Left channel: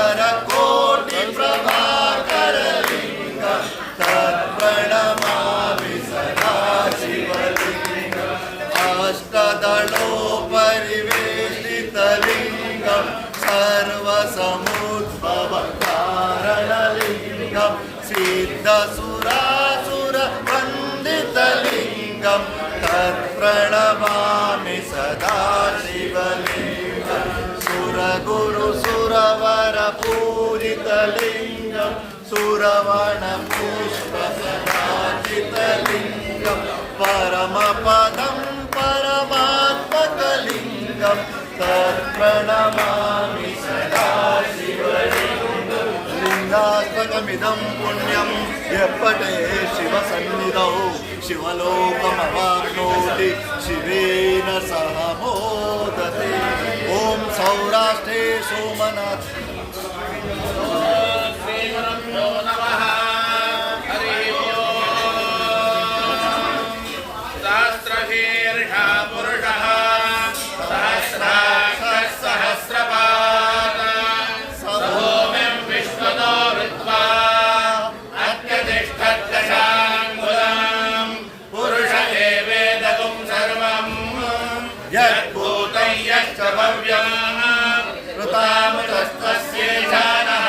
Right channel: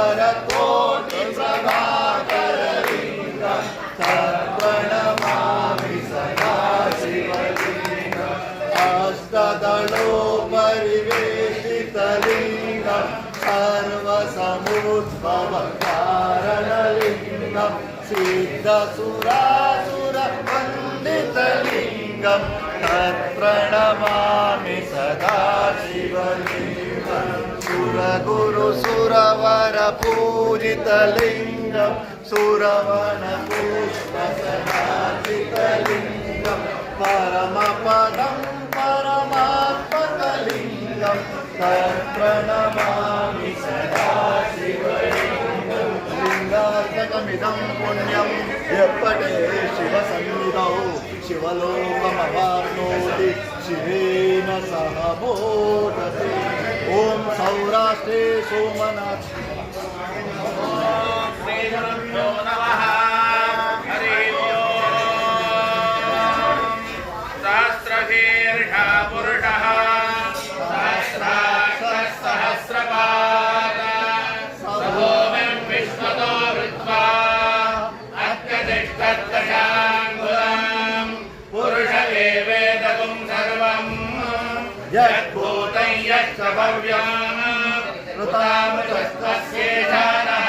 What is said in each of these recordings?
मकरकोटिप्रभाकरलिङ्गं तत्प्रणमामि सदा शिवलिङ्गम् अष्टदलोपरिवेष्टितलिङ्गं सर्वसमुद्भवकारणलिङ्गं सिद्धसुरासुरवन्दितलिङ्गं तत्प्रणमामि सदा शिवलिङ्गं सुरगुरुसुरवरपूजितलिङ्गं सुरवणपुष्पसदाचितलिङ्गं परमपदं परमात्मकलिङ्गं तत्प्रणमामि सदा शिवलिङ्गं लिङ्गात्मकमिदं पुण्यं यपठे शिवसन्निधौ शिवलोकमवाप्नोति शिवेन सह मोदते ॐ सौराष्ट्रे सोमनाथ श्रीगुरुभ्यो नमः हरि ओम् सहस्रशीर्षः पुरुषः सहस्राक्षः सहस्रपाद सभूमिं विश्वतो वृत्वा अत्यतिष्ठद्दशाङ्गुलं पुरुष एवेदं सर्वं यद्भूतं यश्च भव्यम् ऋतामुतस्तस्येषानः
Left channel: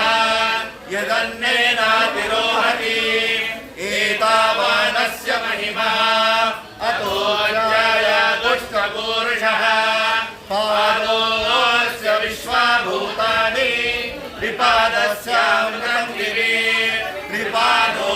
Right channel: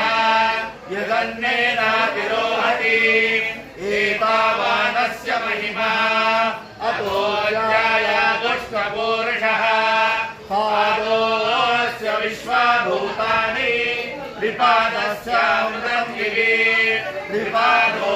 यदन्नेनातिरोहति एतावानस्य महिमः अतो ज्यायादुष्टपूरुषः पादोऽस्य विश्वाभूतानि त्रिपादस्यामृतं दिवि त्रिपादो